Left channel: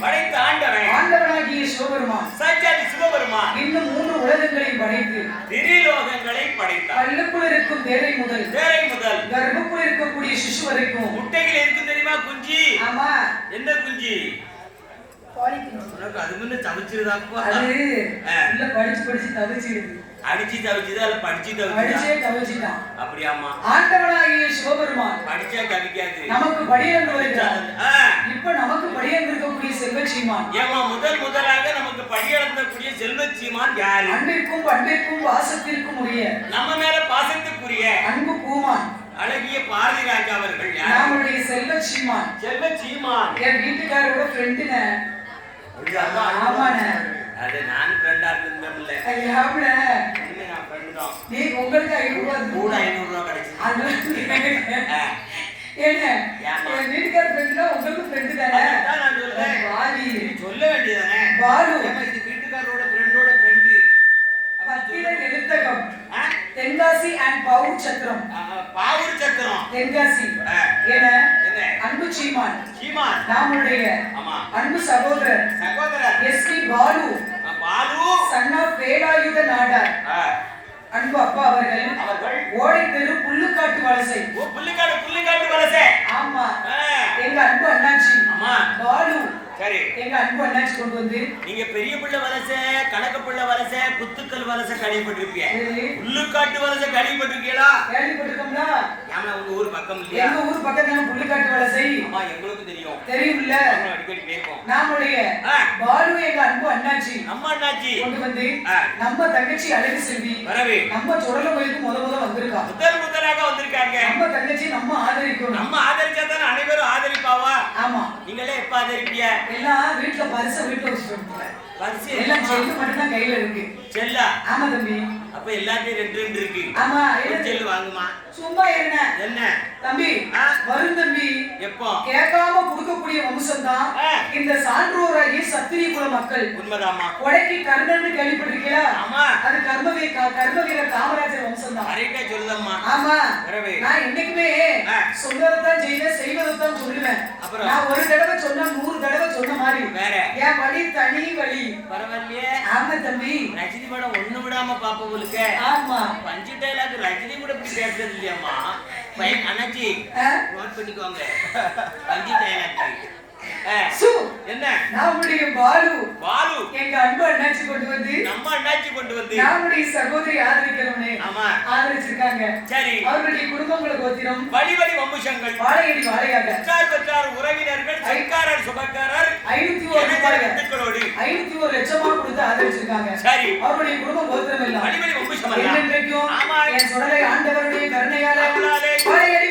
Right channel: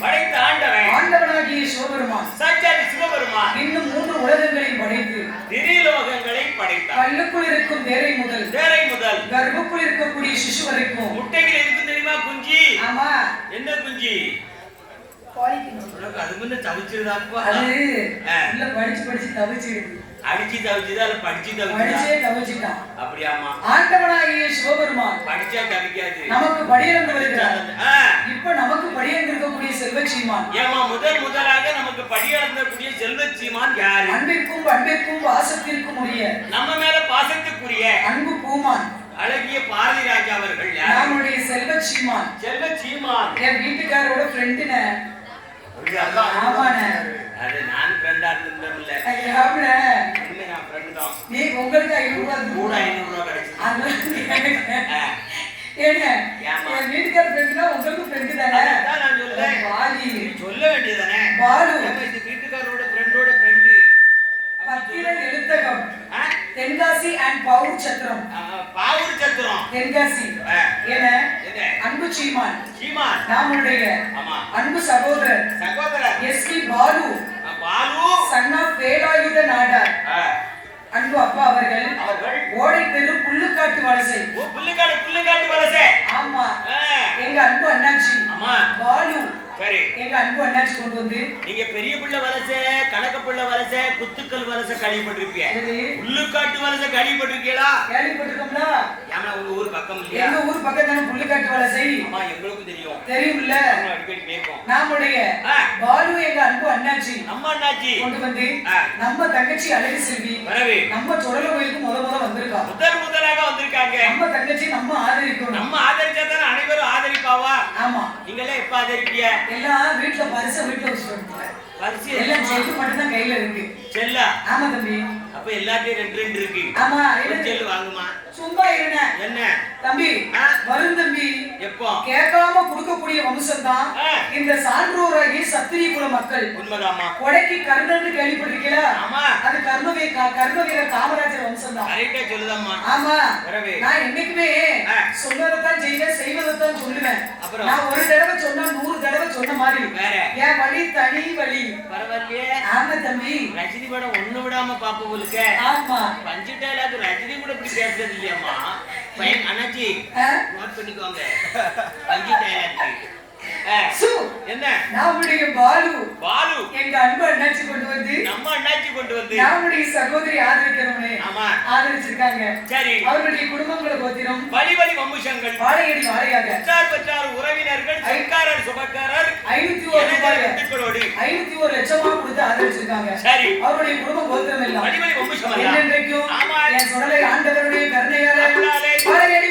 படைத்து ஆண்டவன். ஆண்டவனாகிய சிவபெருமான். சாட்சாதி சிவபெருமான். இன்னும் மூன்று உலகங்களையும் படைத்து திரிலோகங்களை படைத்தார். கல்லுக்குள் இருக்கும் வேரை முதல் வேரை முதல். கர்ப்புக்குள் இருக்கக்கூடிய சிசு வரைக்கும். முட்டைகள் இருக்கு தெரியுமா குஞ்சு? ஆமா. என்ன குஞ்சு? அது முன்ன அது. உள்ள படிச்சு படிச்சு தவிச்சிருக்கு. அடிச்சு தவிச்சுதா இல்ல படிச்சு தவிச்சுதா படிச்சே தவிச்சிட்டான் அப்படியாமா ஆண்டவனாகிய சிவபெருமான். படிச்சா தவிக்காது நமக்கு படியந்து வருகிறார். இப்ப நமக்கு படியந்து இருக்கக்கூடிய செல்வச்சீமான். ஏமா முதல் முதலாக நமக்கு படியளந்தக்கூடிய செல்வச்சீமான் யாரு? அன்பிற்கும் பண்பிற்கும் வாசத்திற்கும் உரிய நம்ம மேல பாசத்துக்குரிய அன்பு பூமான். அழகிய பாரதி ராஜா அவர்கள் நம்முடைய செல்வச்சீமான். செல்வச்சீமான். என் வீட்டுக்காரோட ஃப்ரெண்டுன. ஆமாண்ணே. அது நான் ஃப்ரெண்டா இருந்தோம்ல ஐயாப்ல இல்ல. நான் ஃப்ரெண்ட் தான். நீ உங்களுக்கு ஐநூறு கூட ஐநூறு அது ஆ. என்ன வீட்டுக்கார ஃப்ரெண்டுனா உங்களுக்கு ஃப்ரெண்டு தானே? நான் சொல்றேன். சொல்ல வேண்டியதானே பாலு. வீட்டுக்காரோட ஃப்ரெண்டோட ஃப்ரெண்டு பத்திர எழுத்தகம் தென்காசி அண்ட் பவுர் சத்திரம். பாவூர் சத்திரம். தென்காசி. என என்ன? அன்பு சீமான். சீமான். நம்முடைய ஆமா. அன்பு சகோதரர். சகோதரர். S P Balu. Balu. Son of Velayutha Nadar. Anbu அப்பா அவர்கள். அவர்கள். ஓடை தெரு புல்லுக்காட்டு வலசை. ஓ புள்ளிக்காடு புள்ளிக்காடு வலசை. ஆமா. எங்க அன்பு அண்ணாச்சி. ஆமா. பாலு. சரி. எங்க அன்பு அண்ணாச்சி கொண்டு வந்து நீங்க பெரிய பிள்ளை வலசை கணக்கு பிள்ளை வலசை குத்துக்கல் வலசை கழிப்பட்டிருக்கீங்க உள்ளுக்காட்டு வலசை கழிப்பட்டிருக்கீங்களா கேள்விப்பட்டிருக்கோம்ல. ஏமா உங்க ஊர் பக்கம் இல்லையா? எங்க ஊர் பக்கம் தானே புல்லுக்காட்டு வலசை? ஆமா எங்களுக்கு தெரியும். தெரியும்ல. அடிக்கடி கேட்போம். நம்முடைய. பாலு எங்க அன்பு அண்ணாச்சி நம்ம அண்ணாச்சி. கொண்டு வந்து. நம்ம தங்கச்சி அழகு செல்வி வரவே. நம்ம சுடல கோயிலுக்கு முத முத வந்திருக்கா. முதல் முதலாக வந்திருக்காங்க. நம்ம தங்கச்சி நம்ம ஆதரிக்கணும் நம்ம ஆதரிச்சா தானே அனைவரும் ஆதரிப்பாவா ஆமா ஆதரிப்பீங்க எல்லாம் வீட்டுல பரிச வீட்டுல வச்சுட்டு பரிசு எல்லாம் செல்லு மட்டும் தான் கையில இருக்கு. செல்லா? ஆமா தம்பி. அப்ப எல்லாத்தையும் ரெண்டு ரெண்டு இருக்கு. ஆமா. செல்லு வாங்குமா? சும்மா இருங்க. என்ன? தம்பி? வரும் தம்பி. எப்போ? கேட்காம கொடுக்கக்கூடிய வம்சம் தான். இந்த சான்றோராகி சத்திரிய குல மக்கள். உண்மைதாம்மா. கொடைக்கு கர்ணன்னு கேள்விப்பட்டிருக்கீங்களா? ஆமா. அது கர்மவீர கர்மவீர காமராஜர் வம்சம் தான் கரெக்டா சொல்லுதம்மா. ஆமா. நான் என்னைக்குமே ஆ. சொன்னதைத்தான் செய்வேன் செய்வதைத்தான் சொல்லுவேன். அப்புறம்? நான் ஒரு தடவை சொன்னா நூறு தடவை சொன்ன மாதிரி. வேற. என் வழி தனி வழி பரவாயில்லையே. ஆமா தம்பி. ரஜினி படம் ஒண்ணு விடாம பாப்ப உங்களுக்கு. ஆமா. பஞ்சு டைலாக் ரஜினி கூட இப்படி பேசுறது இல்லையாம்மா. பையன் அண்ணாச்சி ஆ? நோட் பண்ணிக்கோங்க. பஞ்சு டைலாக் ஆ. சு. என்ன? நம்முடைய பாலு. பாலு? எங்க அன்பு அண்ணாச்சி கொண்டு வந்து நம்ம அண்ணாச்சி கொண்டு வந்து நம்முடைய சகோதரி ஆதரிக்கணும்னு ஆமா. ஆதரிச்சிருக்காங்க. சரி. அவர்களுடைய குடும்பங்களை கோத்திரம் வழி வழி வம்புஷங்கள் வாழையடி வாழையாக. பெற்றார் பெற்றார் உறவினர்கள் சொந்தக்காரர் சுபக்காரர். ஐநூத்தி ஒரு ரூபாய். ஐநூத்தி ஒரு லட்சமா கொடுத்து ஆதரிச்சிருக்காங்க. சரி. அவருடைய குடும்பம் கோத்திரம் எல்லாம். வழி வழி வம்புஷம் ஆமா. என் சுடலை ஆண்டவருடைய கருணையால. வாழையடி